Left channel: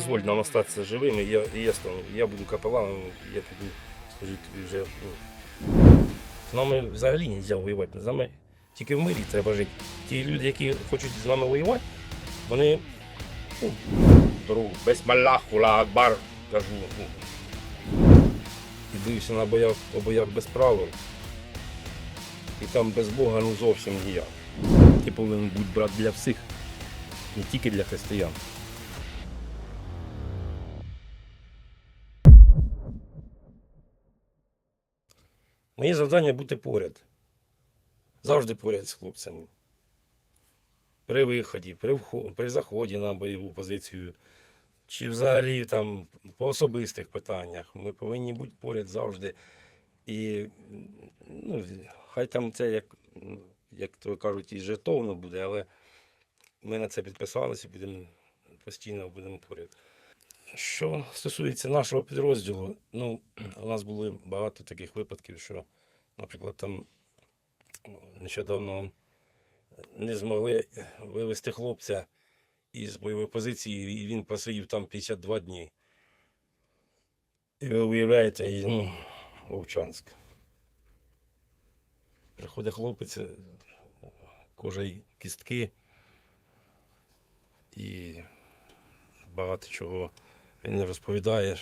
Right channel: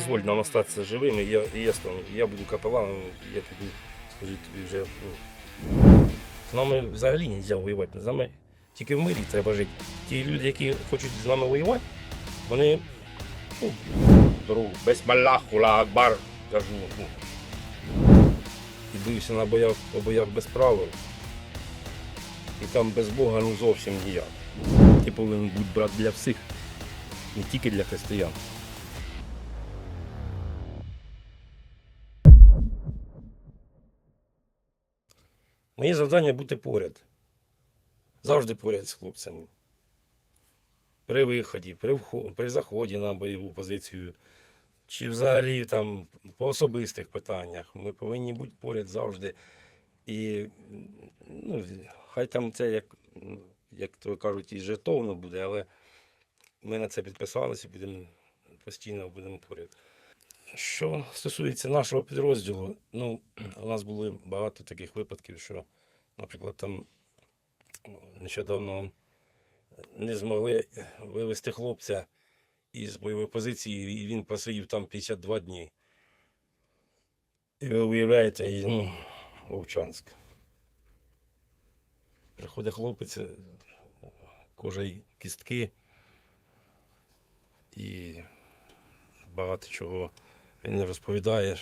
дозволь нам остатися живими, я, я стану. Я буду капеланом, я піду служити тобі вже. Ну. З нами взагалі не можна воювати. З нами тільки в мирі треба жити. Ті люди, які хочуть з нами воювати, вони ну, дорогу без малахула акбар, кажу. Ну. І бився на боях, по боях без правил. І там без Бога ну зовсім ніяк. Ти повинен бути брат для всіх, не тільки для християн. Моє завдання бути поряд. Завжди поряд з хлопцями. При виході, при, вхо- при заході на бойову позицію, чи взагалі там по особистих питаннях. Ми повинні бути поряд завжди. І ну, хай там це як, як то кажуть, і жертовно буде, але ми на це підписалися, будемо постійно будемо поряд. Що стосується нашого підрозділу, ну, у нас були багато таких випадків, що, наприклад, там нещодавно не змогли вивезти хлопця із бойової позиції, і він посидів там 52 дні. І ви уявляєте, і, ну, Вовчанськ. Приходить хлопець, кожа й кістки, і багато чого він розповідає,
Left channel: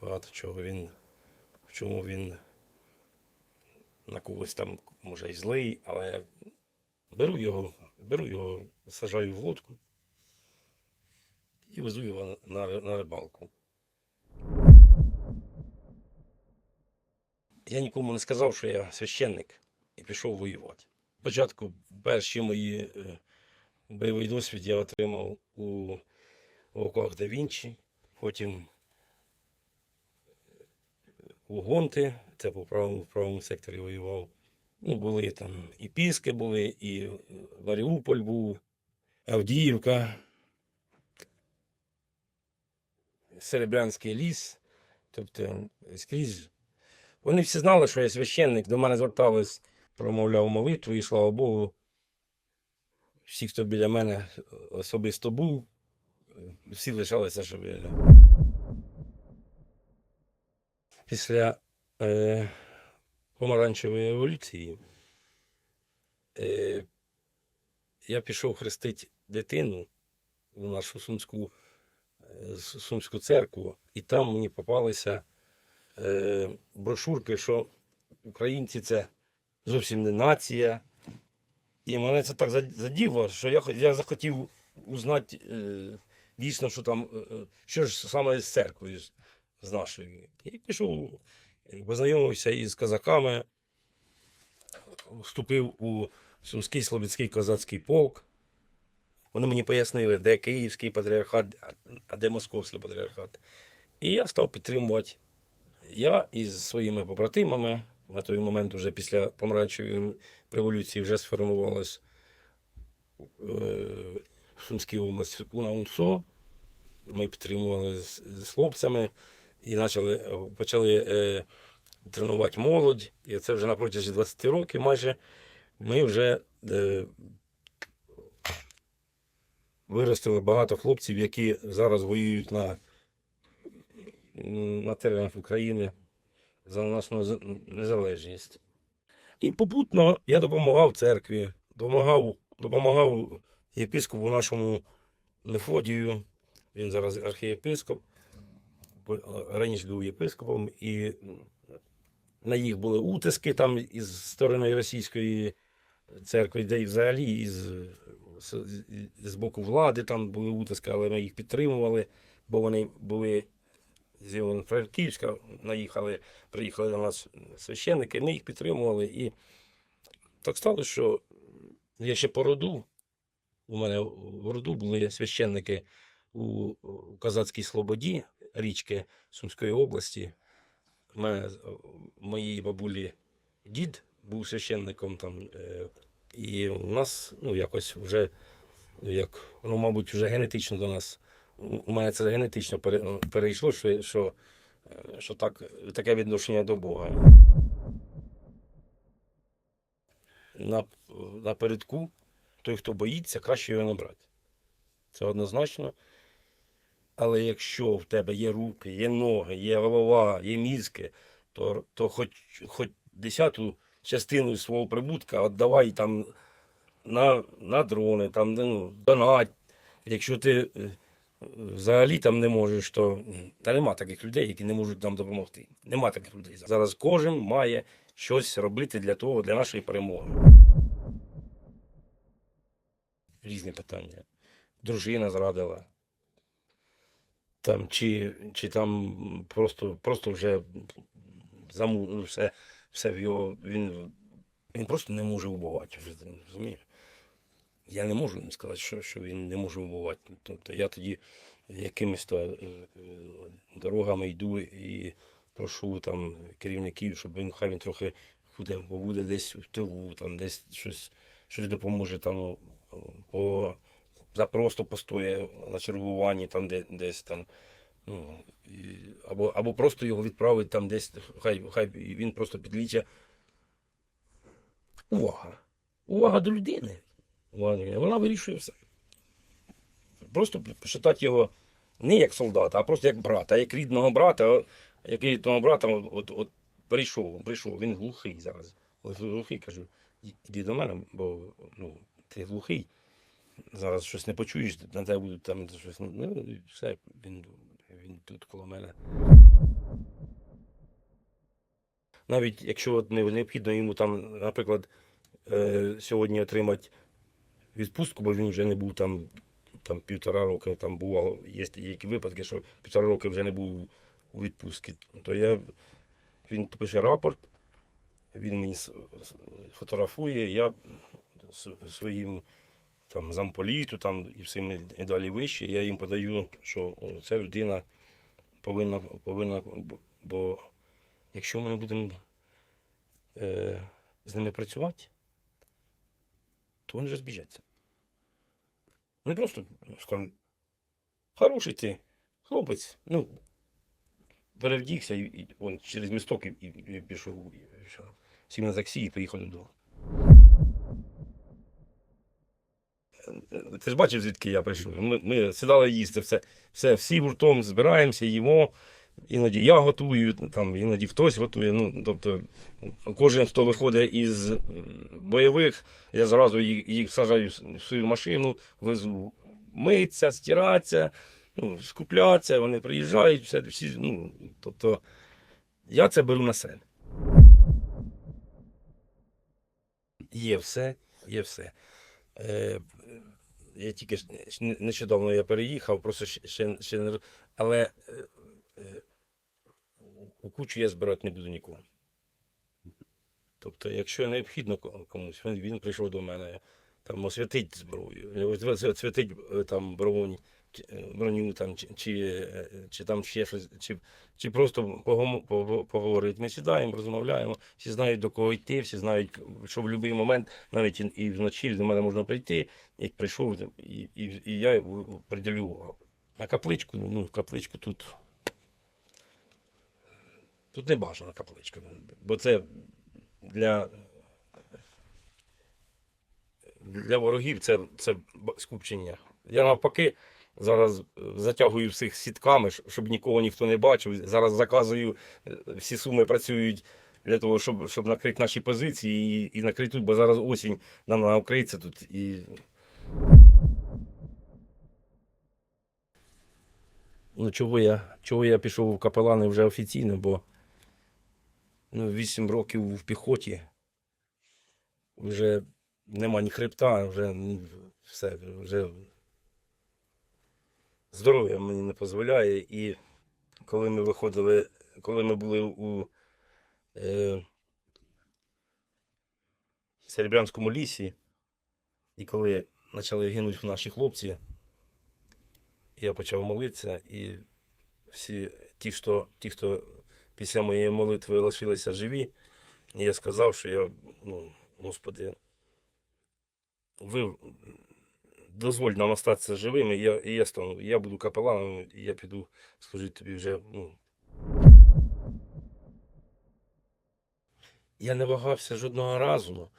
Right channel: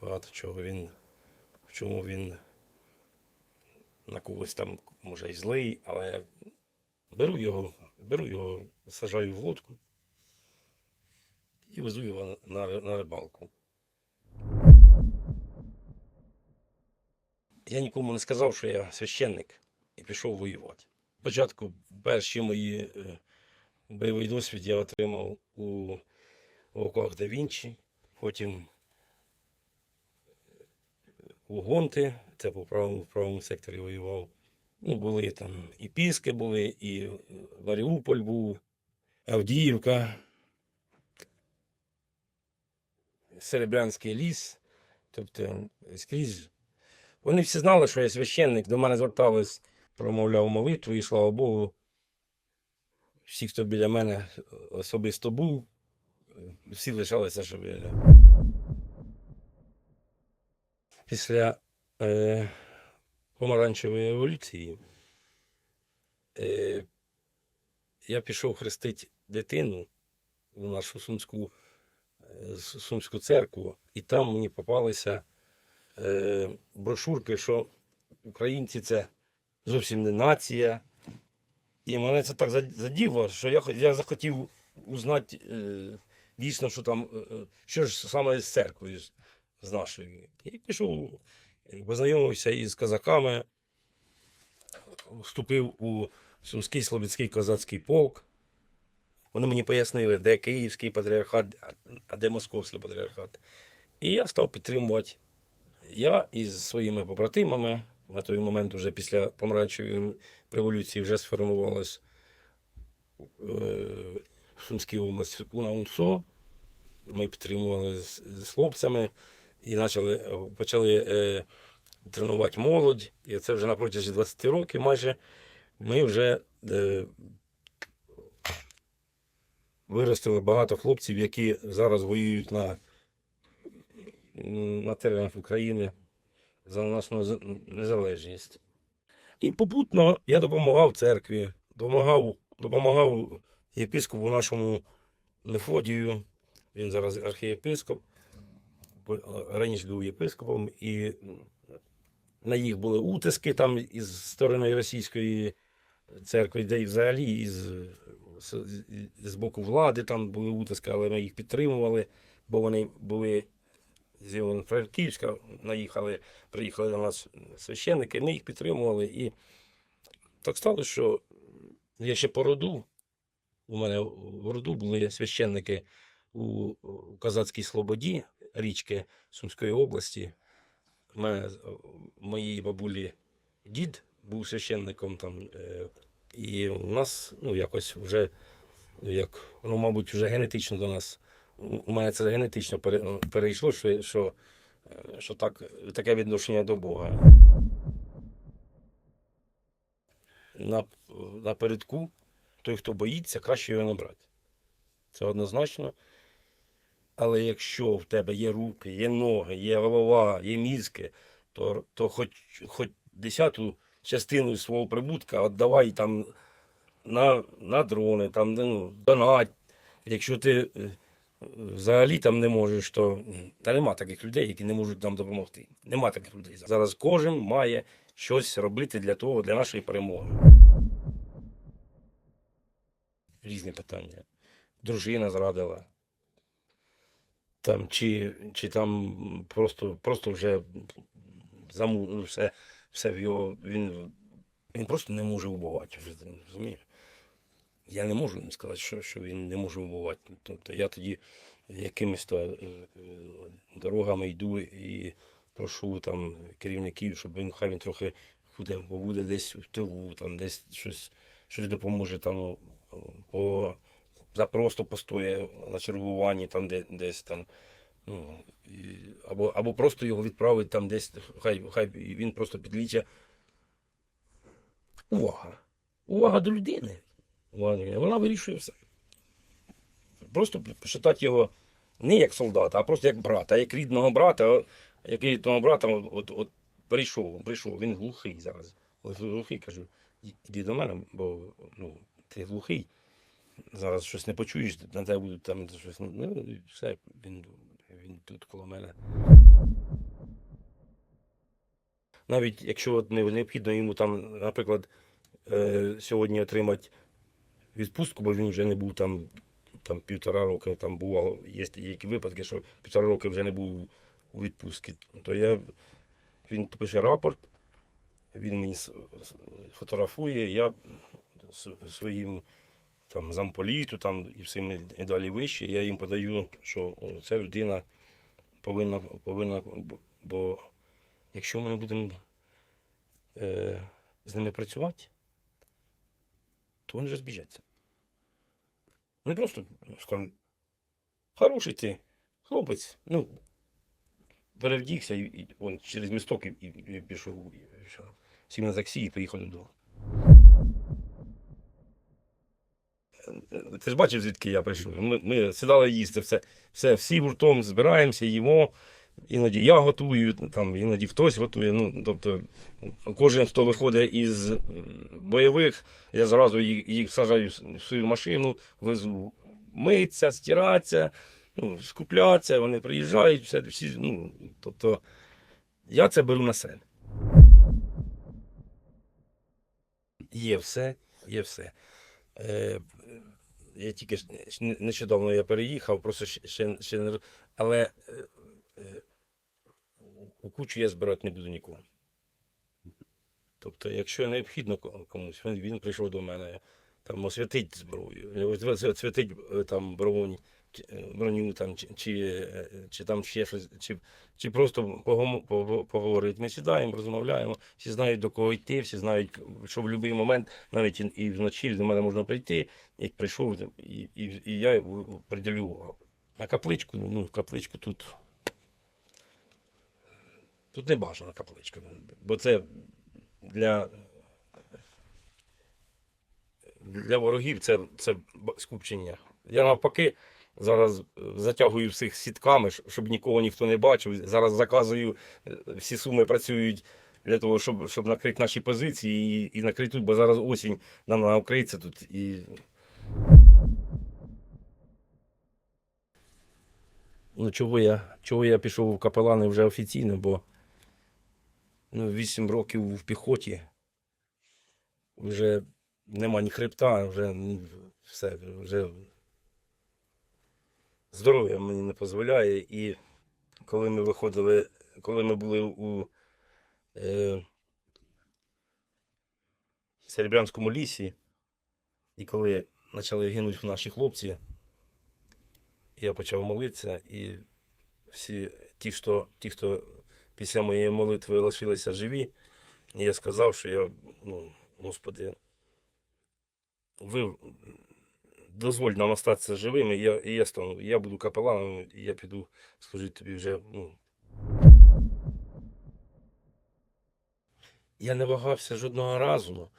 багато чого він, в чому він на когось там може і злий, але беру його, беру його, сажаю в лодку і везу його на, на рибалку. Я нікому не сказав, що я священник і пішов воювати. Спочатку перші мої е, бойовий досвід я отримав у оках да Вінчі, потім у Гонти, це по правому, в правому секторі воював. Ну, були там і Піски були, і е, Маріуполь був, Авдіївка, Серебрянський ліс. Тобто скрізь. Вони всі знали, що я священник, до мене звертались, промовляв молитву, і слава Богу. Всі, хто біля мене особисто був, всі лишалися живі. Після е, помаранчевої революції е, я пішов хрестити дитину в нашу сумську, е, сумську церкву, і там мені попалися е, брошурки, що українці це зовсім не нація. І мене це так зад- заділо, що я, я захотів узнати е, дійсно, що там, е, е, що ж саме з церквою з, нашої. І пішов, е, познайомився із козаками, вступив у Сумський Слобідський козацький полк. Вони мені пояснили, де Київський патріархат, а- де Московський патріархат. І я став підтримувати. Я із своїми побратимами на той момент, вже після помаранчевої революції, вже сформувалась в Сумській області Уна УНСО. Ми підтримували з, з хлопцями і почали, почали е, тренувати молодь. І це вже на протязі 20 років майже ми вже е, виростили багато хлопців, які зараз воюють на, на теренах України за нашу незалежність. І попутно я допомагав церкві, допомагав, допомагав єпископу нашому Мефодію. Він зараз архієпископ, раніше був єпископом, і на їх були утиски там із сторони російської церкви, де і взагалі із, з, боку влади там були утиски, але ми їх підтримували, бо вони були з Івано-Франківська, наїхали, приїхали до нас священники, ми їх підтримували. І так сталося, що я ще по роду, у мене в роду були священники у, Казацькій Слободі, річки Сумської області. У мене моїй бабулі дід був священником там. е, І у нас ну, якось вже, як, ну, мабуть, вже генетично до нас. У у мене це генетично перейшло, що, що, е, що так, таке відношення до Бога. На, напередку той, хто боїться, краще його не брати. Це однозначно. Але якщо в тебе є руки, є ноги, є голова, є мізки, то, то хоч, хоч десяту частину свого прибутка віддавай там на, на дрони, там, ну, донать. Якщо ти е, взагалі там не можеш, то та нема таких людей, які не можуть нам допомогти. Нема таких людей. Зараз кожен має щось робити для того, для нашої перемоги. Різні питання. Дружина зрадила. Там, чи, чи там просто, просто вже заму, все, все в його. Він, він просто не може вбивати. Вже, розумієш? Я не можу сказати, що, що він не може вбивати. Тобто я тоді якимись то, е, е, дорогами йду і прошу там керівників, щоб він хай він трохи буде, побуде десь в тилу, там десь щось, щось допоможе там по за просто постоє на чергуванні, там де, десь там. Ну, і, або, або просто його відправить там десь, хай, хай він просто підліче. Увага. Увага до людини. Увага. Вона вирішує все. Просто почитати його не як солдата, а просто як брата, як рідного брата, як рідного брата, от, от прийшов, прийшов, він глухий зараз. От глухий, кажу, іди до мене, бо ну, ти глухий зараз щось не почуєш, на тебе будуть там щось. Ну, і все, він, він тут коло мене. Навіть якщо необхідно йому там, наприклад, е, сьогодні отримати відпустку, бо він вже не був там, там півтора роки, там бувало, є які випадки, що півтора роки вже не був у відпустці, то я, він пише рапорт, він мені фотографує, я своїм там замполіту там і всім і далі вище. Я їм подаю, що ця людина повинна, повинна бо- якщо ми не будемо е, з ними працювати, то вони вже збіжаться. Вони просто скажуть, хороший ти, хлопець, ну, перевдігся і, і он, через місток і, і, і пішов, сів на таксі і поїхав додому. Ти ж бачив, звідки я прийшов. Ми, ми сідали їсти, все, все, всі гуртом збираємося, їмо. Іноді я готую, там, іноді хтось готує. Ну, тобто, кожен, хто виходить із бойових, я зразу їх, їх сажаю в свою машину, везу митися, стиратися, ну, скуплятися, вони приїжджають, все, всі, ну, тобто, я це беру на себе. Є все, є все. Е, я тільки нещодавно я переїхав, просто ще, ще, не. Але е, е, у кучу я збирати не буду нікого. Тобто, якщо необхідно комусь, він, він прийшов до мене, там освятить зброю, освятить е, там е, броню там, чи, чи, е, чи там ще щось, чи, чи просто поговорити. Ми сідаємо, розмовляємо, всі знають до кого йти, всі знають, що в будь-який момент, навіть і, вночі до мене можна прийти, як прийшов, і, і, і я приділю на капличку, ну, капличку тут. Тут не бажана капличка, бо це для, для ворогів це, це скупчення. Я навпаки зараз е, затягую всіх сітками, щоб нікого ніхто не бачив. Зараз заказую, е, всі суми працюють для того, щоб, щоб накрити наші позиції і, і накрити бо зараз осінь нам накриється тут. І... Ну, чого я, чого я пішов в капелани вже офіційно, бо ну, 8 років в піхоті. Вже нема ні хребта, вже все, вже здоров'я мені не дозволяє. І коли ми виходили, коли ми були у е, Серебрянському лісі, і коли почали гинути наші хлопці, я почав молитися, і всі ті, хто, ті, хто після моєї молитви лишилися живі, я сказав, що я, ну, Господи, ви дозволь нам остатися живими, я, і я стану, я буду капеланом, і я піду служити тобі вже. Ну. Я не вагався жодного разу,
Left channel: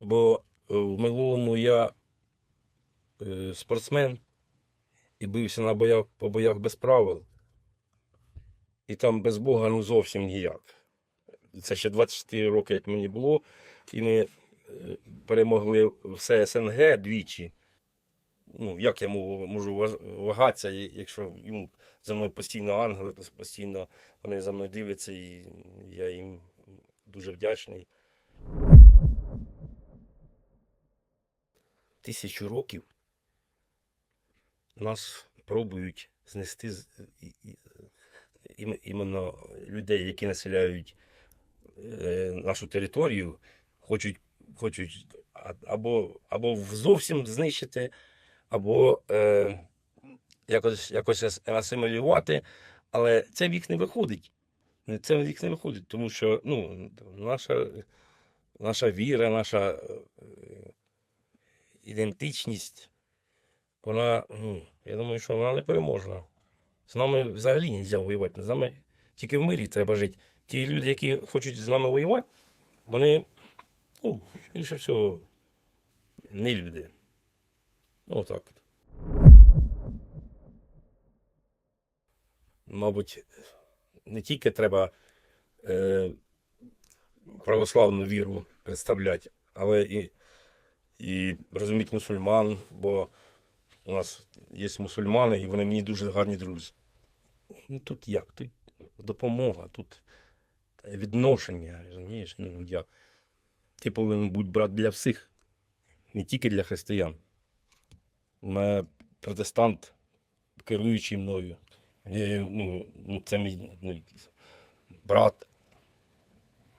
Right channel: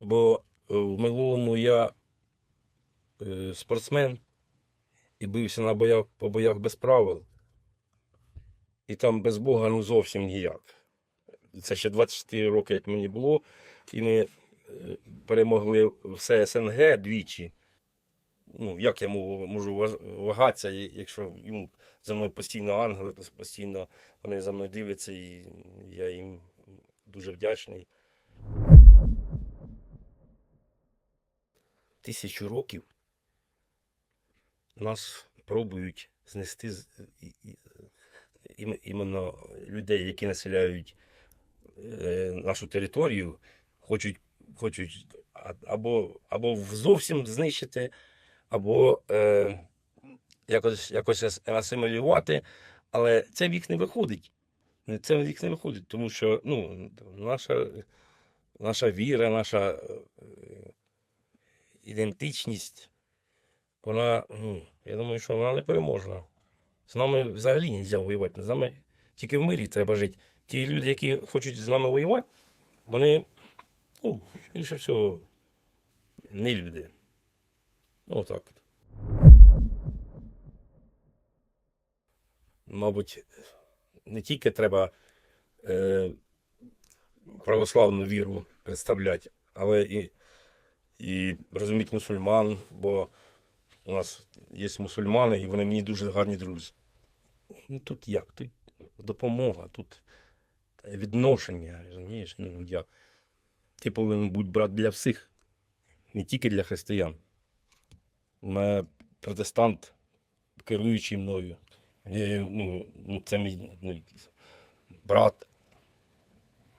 бо е, в минулому я е, спортсмен, і бився на боях, по боях без правил. І там без Бога ну зовсім ніяк. Це ще 24 роки, як мені було, і ми е, перемогли все СНГ двічі. Ну, як я можу, вагатися, якщо ну, за мною постійно ангели, постійно вони за мною дивляться, і я їм дуже вдячний. Тисячу років нас пробують знести іменно людей, які населяють е, нашу територію, хочуть, хочуть або, або зовсім знищити, або е, якось, якось асимілювати, але це в не виходить. Це в їх не виходить, тому що ну, наша, наша віра, наша е, ідентичність, вона, ну, я думаю, що вона не переможна. З нами взагалі не можна воювати. З нами тільки в мирі треба жити. Ті люди, які хочуть з нами воювати, вони, ну, більше всього, не люди. Ну, так. Мабуть, не тільки треба е, православну віру представляти, але і, і розуміти мусульман, бо у нас є мусульмани, і вони мені дуже гарні друзі. Ну тут як? Тут допомога, тут відношення, розумієш? Ну, як? Ти повинен бути брат для всіх, не тільки для християн. Протестант, керуючий мною. Я, ну, ну, це мій ну, брат.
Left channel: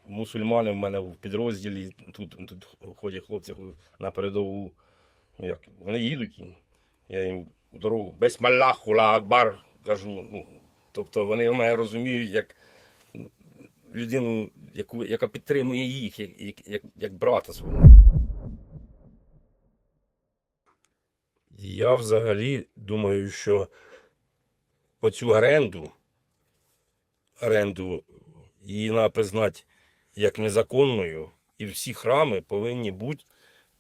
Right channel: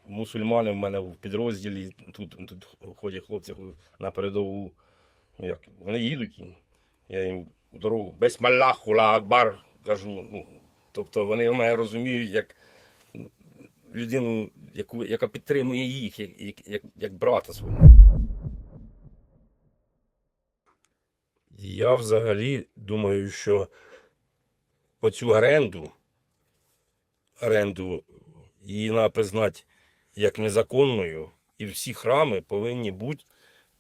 Мусульмани в мене в підрозділі, тут, тут ходять хлопці на передову. Ну, як, вони їдуть, я їм дорогу без ла акбар кажу. Ну, тобто вони мене розуміють як людину, яку, яка підтримує їх, як, як, як брата свого. Я взагалі думаю, що оцю оренду, оренду її треба признати як незаконною, і всі храми повинні бути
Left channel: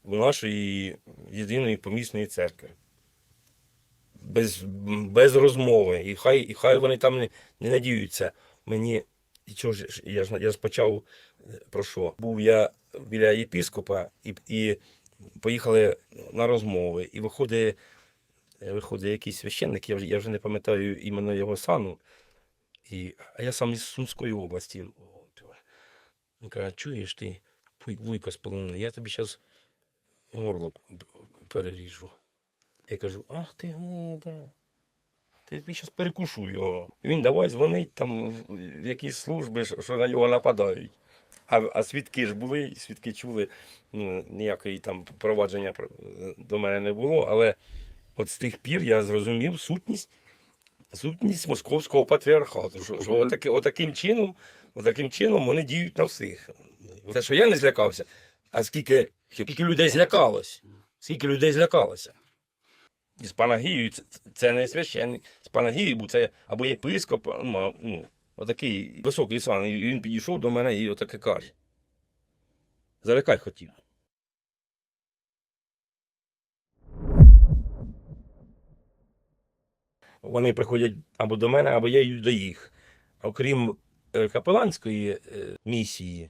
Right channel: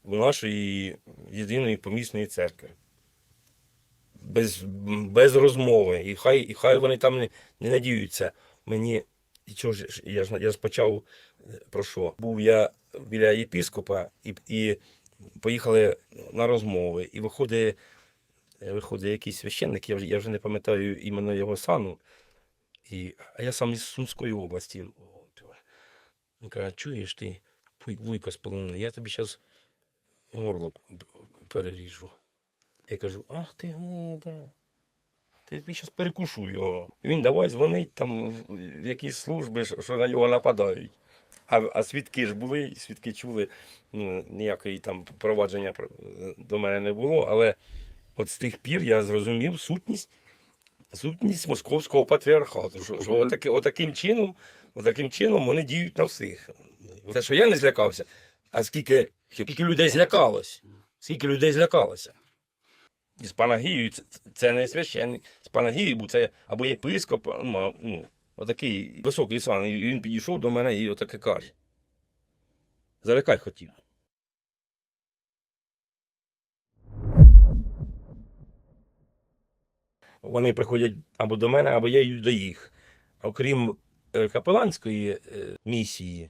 в нашої єдиної помісної церкви. Без, без розмови. І хай, і хай вони там не, не надіються. Мені і чого ж я ж я ж почав е, про що? Був я біля єпіскопа і, і поїхали на розмови. І виходить, е, виходить якийсь священник, я вже, я вже не пам'ятаю іменно його сану. І, а я сам із Сумської області. Він каже, чуєш ти, вуйко з полонини, я тобі зараз горло переріжу. Я кажу, ах ти гнида. Ти тобі зараз перекушу його. Він давай дзвонить там в якісь служби, що на нього нападають. А, а свідки ж були, свідки чули, ну, ніякої там провадження до мене не було, але от з тих пір я зрозумів сутність, сутність московського патріархату. Що, що отаки, отаким чином, отаким чином вони діють на всіх. Те, що я не злякався, а скільки, скільки людей злякалось. Скільки людей злякалося. І з Панагією це, це не священник. З Панагією це або єпископ, ну, отакий високий сан. І він підійшов до мене і отаке каже. Залякай хотів. Вони приходять або до мене, або я їду до їх. Окрім е, капеланської е, місії,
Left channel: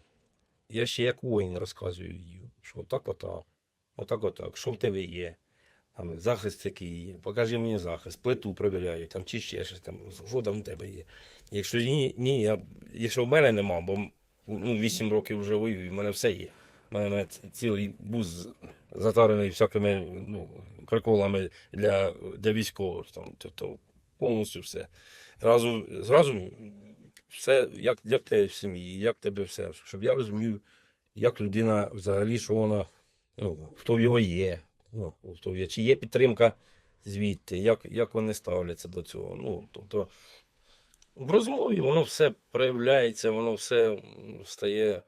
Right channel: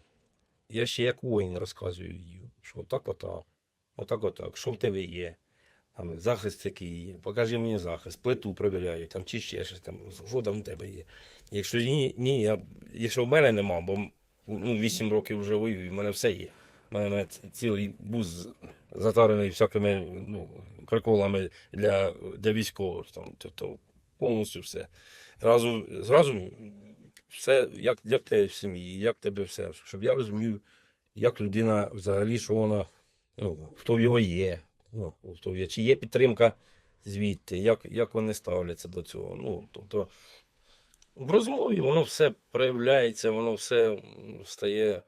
я ще як воїн розказую їм, що отак отак, отак отак, що в тебе є. Там захист який є, покажи мені захист, плиту перевіряю, там чи ще щось там, що там в тебе є. Якщо ні, ні я, якщо в мене нема, бо ну, 8 років вже воюю, в мене все є. У мене цілий бус затарений всякими ну, приколами для, для військових. Там, тобто повністю все. Зразу, зразу все, як, як тебе в сім'ї, як тебе все, щоб я розумів, як людина взагалі, що вона, ну, хто в його є, ну, хто є, чи є підтримка звідти, як, як вони ставляться до цього. Ну, тобто, в розмові воно все проявляється, воно все стає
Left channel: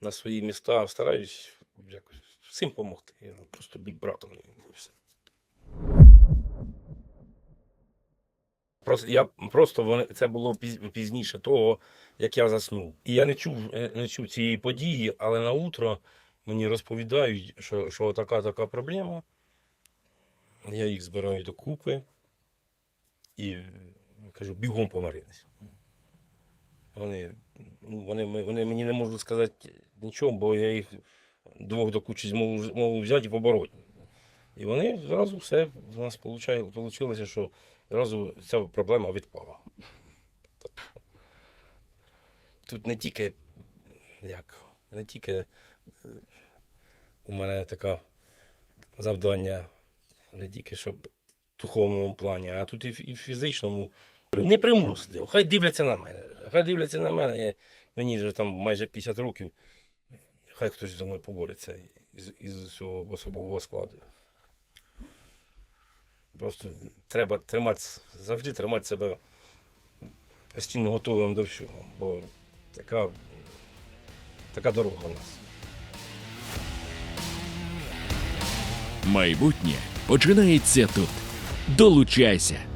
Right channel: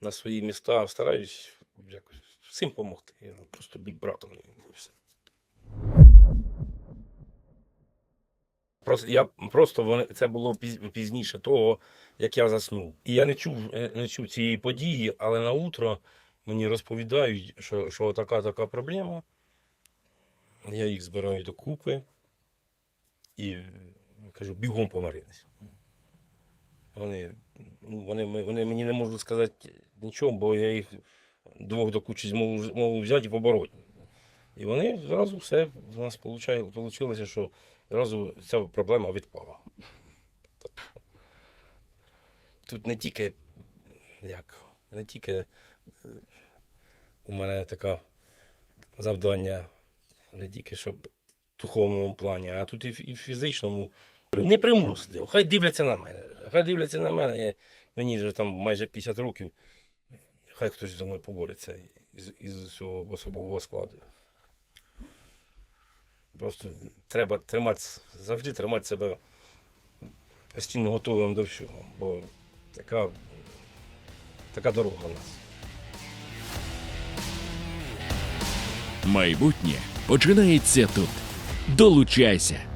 на свої міста. Стараюсь якось всім допомогти. Я просто бік братом. і все. Просто я просто вони це було піз- пізніше того, як я заснув. І я не чув, е, не чув цієї події, але на утро мені розповідають, що, що така така проблема. Я їх збираю докупи. і кажу, бігом помирилися. Вони, ну, вони, вони мені не можуть сказати нічого, бо я їх двох до кучі зможу, взяти і побороти. І вони зразу все у нас вийшло, що зразу ця проблема відпала. Тут не тільки як, не тільки е, у мене таке завдання, не тільки щоб в духовному плані, а тут і в фізичному. Не примусити. Хай дивляться на мене. Хай дивляться на мене. Я, мені вже там майже 50 років. Хай хтось зі мною побореться із, із цього особового складу. Просто треба тримати, завжди тримати себе постійно готовим до всього. Бо така, така дорога у нас. Майбутнє починається тут. Долучайся.